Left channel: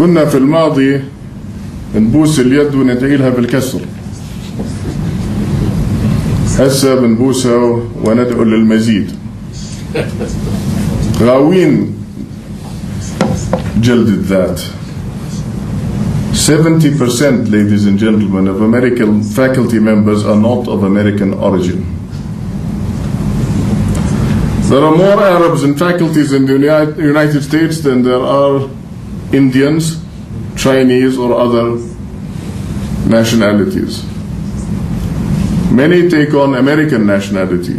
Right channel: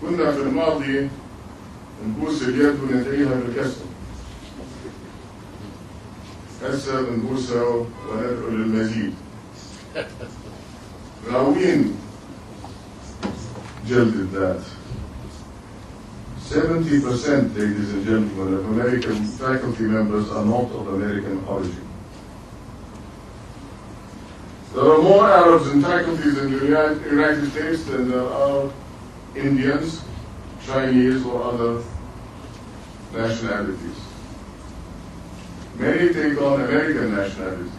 كنا في الماضي نبوس اليد وندعي لها بالكسر، هسه بنبوسها وندعو للمزيد. غاوين جلد الذات. 70%, ladies and gentlemen, of American faculty members are not of American origin. There are more Arabs in faculties in the United States than there are Indians, Chinese, or other nationalities. Many take on American nationality.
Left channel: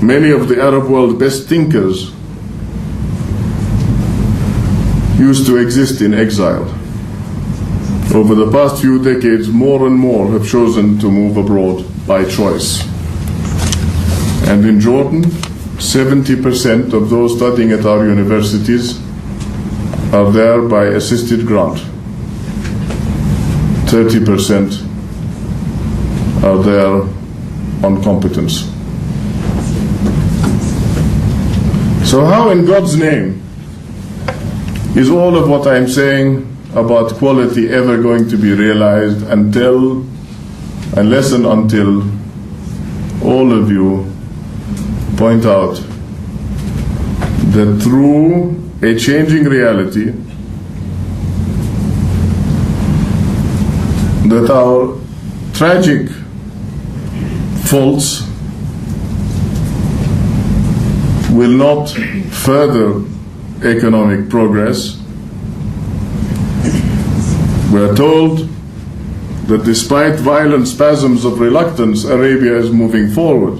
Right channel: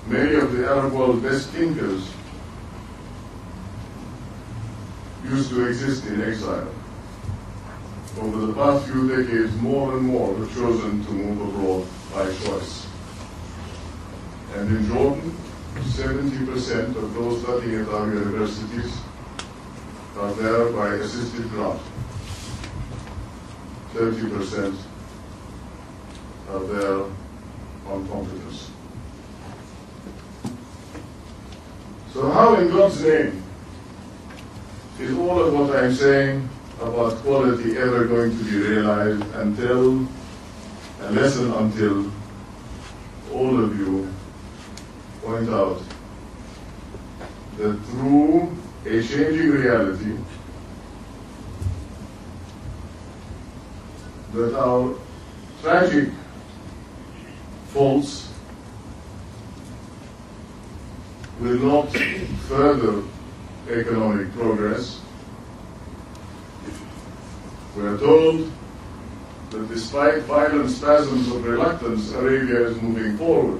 Many of the Arab world's best thinkers used to exist in exile. Over the past few decades, more and more have chosen to move abroad by choice. And in Jordan, 70% of those studying at our universities are there by assisted grant. 30% are there on competence. So how in God's name is all of what I'm saying about quality ever going to be realized unless and until all of you point out that through a changing reality, that our tragic faults will not further economic progress. We are told that despite violent spasms of reluctance, Arabia is moving forward,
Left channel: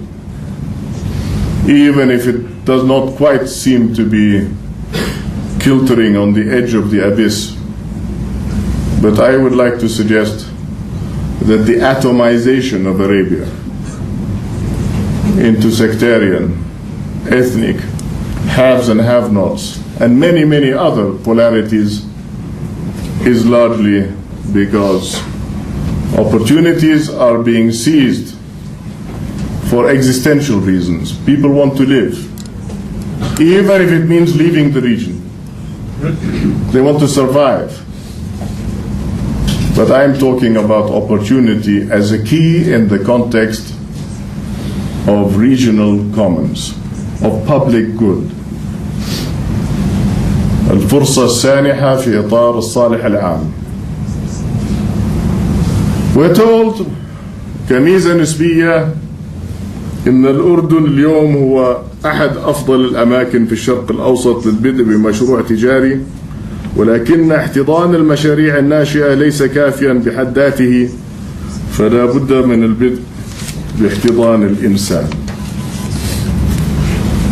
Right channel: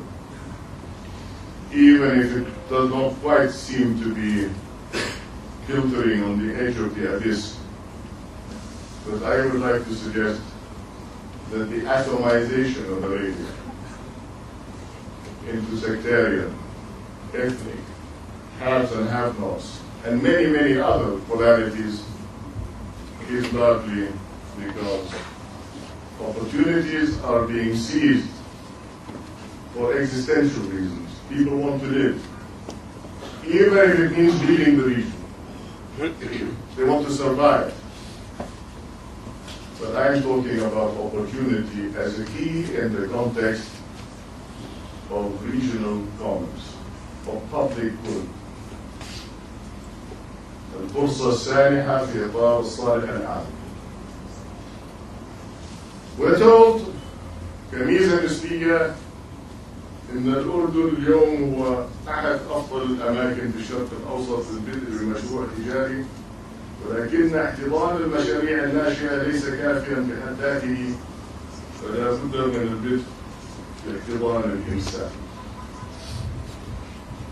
even if it does not quite seem to be kiltering on the edge of the abyss. But I would like to suggest that the atomization of Arabia into sectarian, ethnic, haves and have-nots, and many, many other polarities is largely because opportunities are being seized for existential reasons. People want to live, even if it means leaving the region. They want to survive. But I'm talking about opportunity as a key in the context of regional commons, of public good. الفرصة السانحة في إطار الصالح العام. We're told كميزة نسبية إن الأردن اليوم هو أحد أفضل الأماكن في الشرق الأوسط للبدء بمشروع تجاري، ولكن احتضان المشاريع الناشئة ليس كافيا بحد ذاته، فلا بد من البدء باحتضان الإنسان.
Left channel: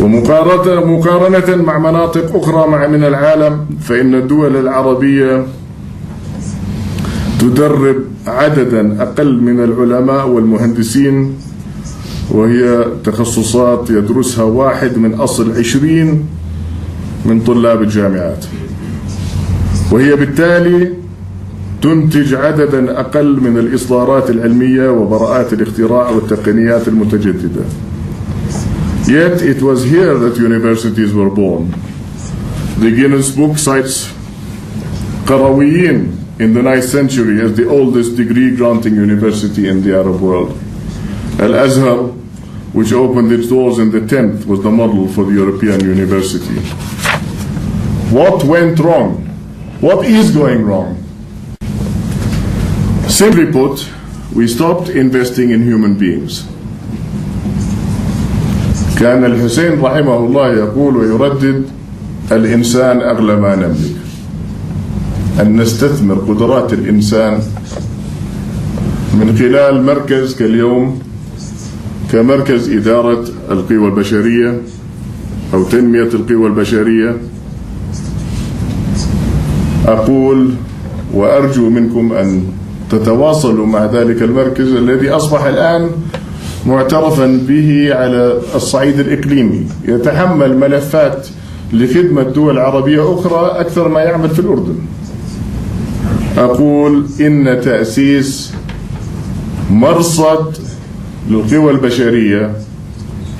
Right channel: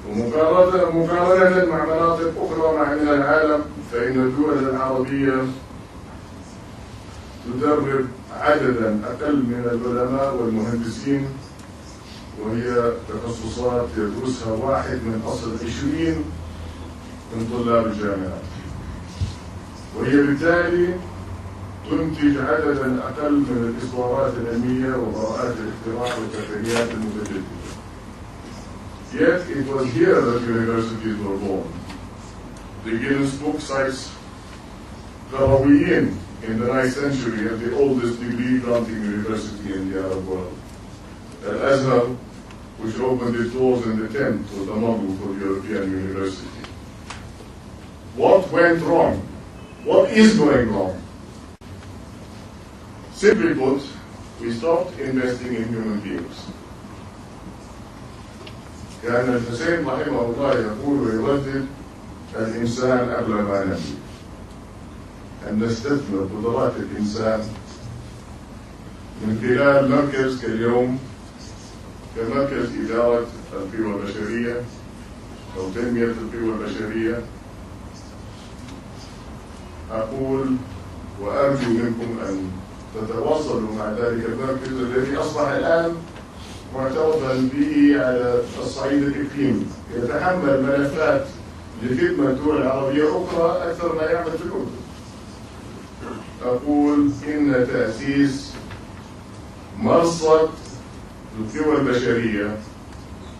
ومقارنة مع مناطق أخرى من العالم، فإن الدول العربية تدرب عددا أقل من العلماء والمهندسين، وهي تخصصات يدرسها 1 من أصل 20 من طلاب الجامعات، وهي بالتالي تنتج عددا أقل من الإصدارات العلمية وبراءات الاختراع والتقنيات المتجددة. Yet it was here that universities were born. The Guinness Book cites Qarawiyyin in the 9th century as the oldest degree-granting university in the Arab world. Al-Azhar, which opened its doors in the 10th, was the model for the European university. What went wrong? What is going wrong? Simply put, we stopped investing in human beings. كان الحسين رحمه الله يقول ويردد: الإنسان أغلى ما نملك. أن نستثمر قدرات الإنسان من خلال مركز كاليوم كمركز إدارة القوى البشرية أو تنمية القوى البشرية. أقول وأرجو منكم أن تتواصلوا مع ذلك المركز الذي أصبح الآن معترفا به على الصعيد الإقليمي، يتحمل ملفات لخدمة دول عربية أخرى أكثر ما يعمل في الأردن. أقول إن تأسيس مرصد للقوى البشرية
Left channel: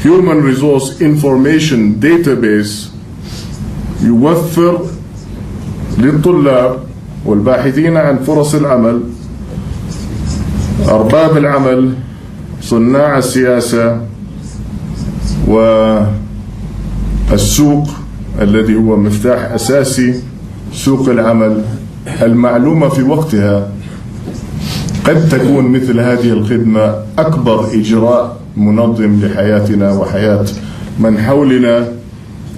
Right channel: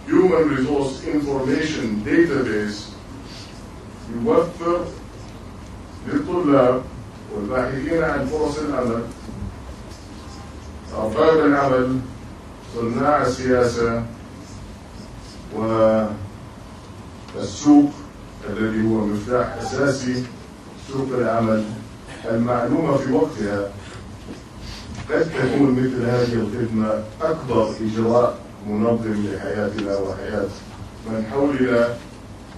Human Resource Information Database يوفر للطلاب والباحثين عن فرص العمل، أرباب العمل، صناع السياسة، والسوق الذي هو مفتاح أساسي سوق العمل. المعلومة في وقتها قد تكون مثل هذه الخدمة أكبر إجراء منظم لحياتنا وحياة من حولنا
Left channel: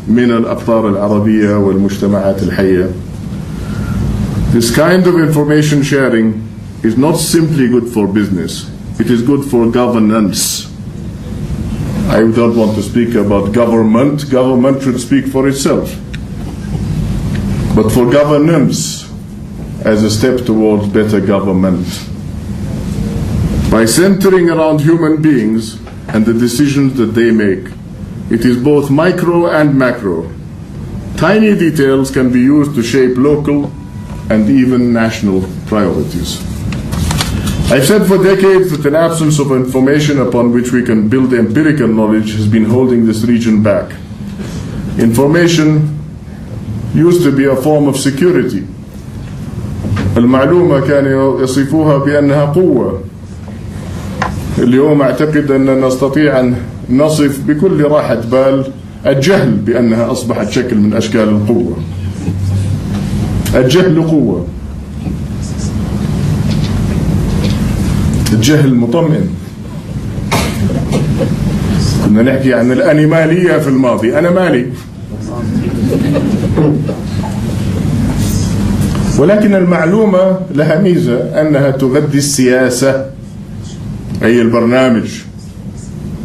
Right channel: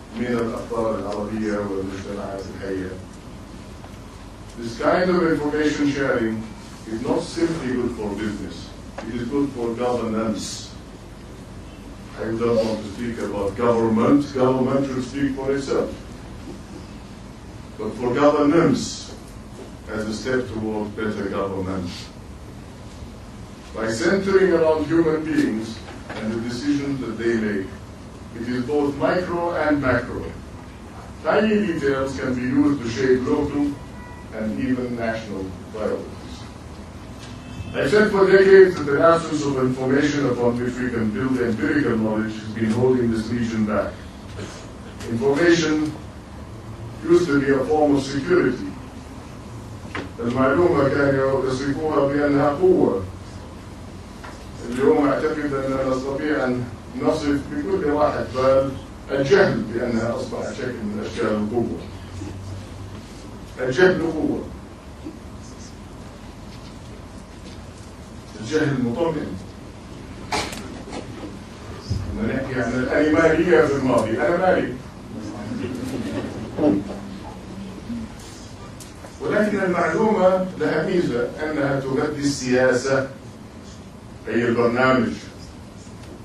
من الأقطار العربية والمجتمعات الحية. This kind of information sharing is not simply good for business, it is good for governance. I don't want to speak about government. Government should speak for itself. But for governance as a step towards better government. By centering around human beings and the decisions that they make, it is both micro and macro. Tiny details can be used to shape local and even national priorities. I've said for decades that an absence of information upon which we can build empirical knowledge has been holding this region back. Information used to be a form of security. المعلومة كانوا يصفوها بأنها قوة. اليوم أعتقد أننا نستطيع أن نصف بكل راحة بال الجهل بأنها أصبحت شكل من أشكال القوة. الجهل قوة. الجهل مطمئن. كنا نحكي عن الأنيمالية في الماضي، أنا مالي. ولكن المعلومة لها ميزة أنها تغذي السياسة، أي البرنامج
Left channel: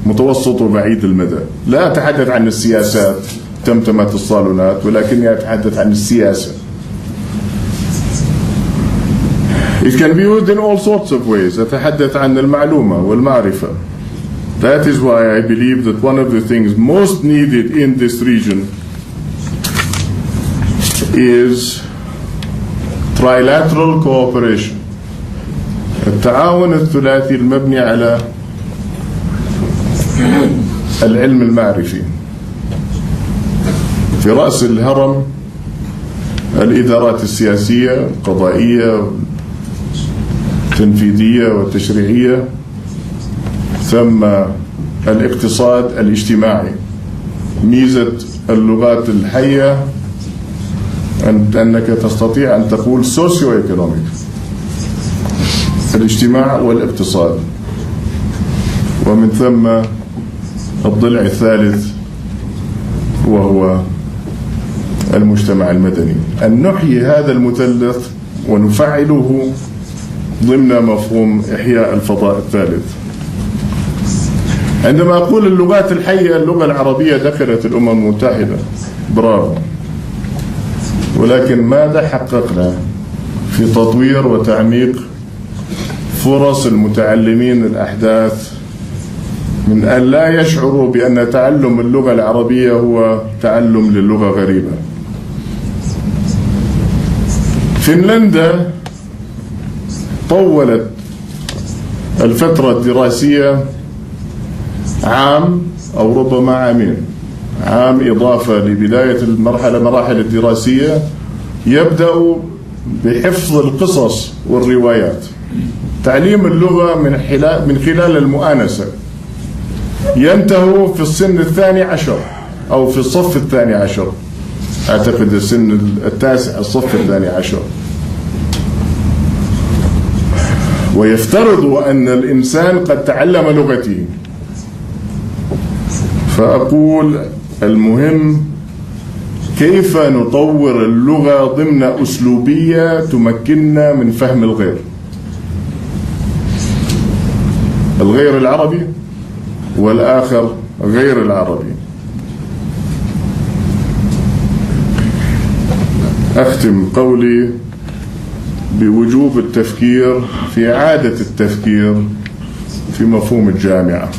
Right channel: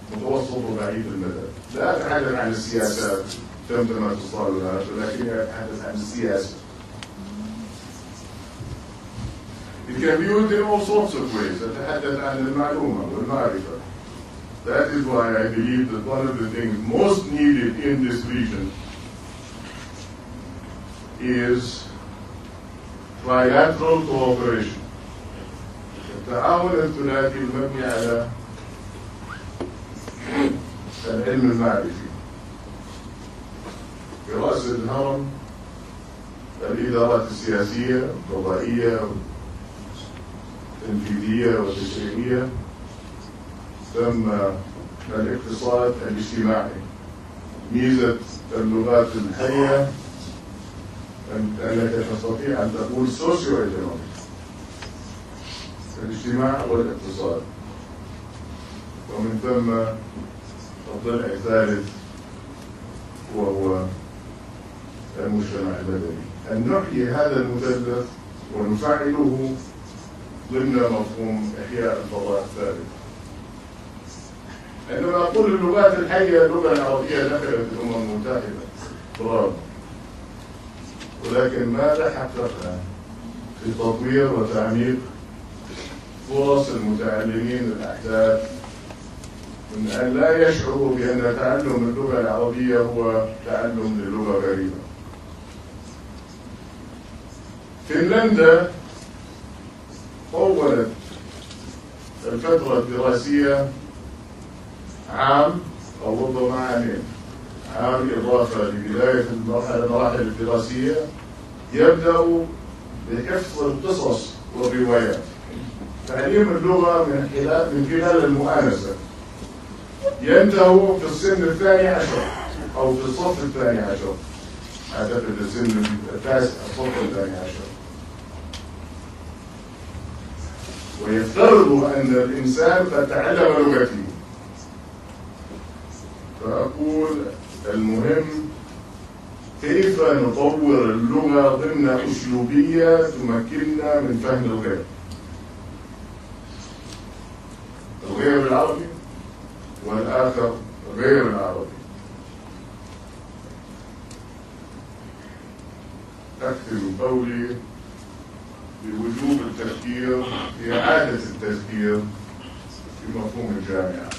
متوسط وبعيد المدى. لا أتحدث عن السياسات تمتمت الصالونات، ولكني أتحدث عن السياسة. It can be used in all sorts of ways. أتحدث عن المعلومة والمعرفة. That is why I believe that one of the things most needed in this region is trilateral cooperation. التعاون الثلاثي المبني على العلم المعرفي. في رأس الهرم الإدارات السياسية، القضائية، التنفيذية والتشريعية، ثم الاقتصاد الاجتماعي. ميزة اللغات الحية أنك تستطيع أن تقول سوسيو ايكونوميك، الاجتماع والاقتصاد، ومن ثم الضلع الثالث وهو المجتمع المدني. أن نحيي هذا المثلث ونفعله ضمن مفهوم إحياء الفضاء الثالث. عندما أقول اللغات الحية، اللغة العربية دخلت الأمم المتحدة، برافو، ولكن ماذا حققنا في تطوير وتعميق فرص المتعلمين الأحداث من أن لا يشعروا بأن تعلم اللغة العربية هو تعلم للغة غريبة. فنلندا طولت الفترة الدراسية عام أو ربما عامين، عام إضافة لبداية مراحل الدراسية، يبدأ بحفظ القصص والروايات، تعليم اللغة من خلال المؤانسة، ينتهوا في السن 12 أو في الصف 12، أعتقد السن التاسع، الصف 12. ويفترض أن الإنسان قد تعلم لغتين. فأقول المهم كيف نطور اللغة ضمن أسلوبية تمكننا من فهم الغير العربي والآخر غير العربي. أختم قولي بوجوب التفكير في إعادة التفكير في مفهوم الجامعة.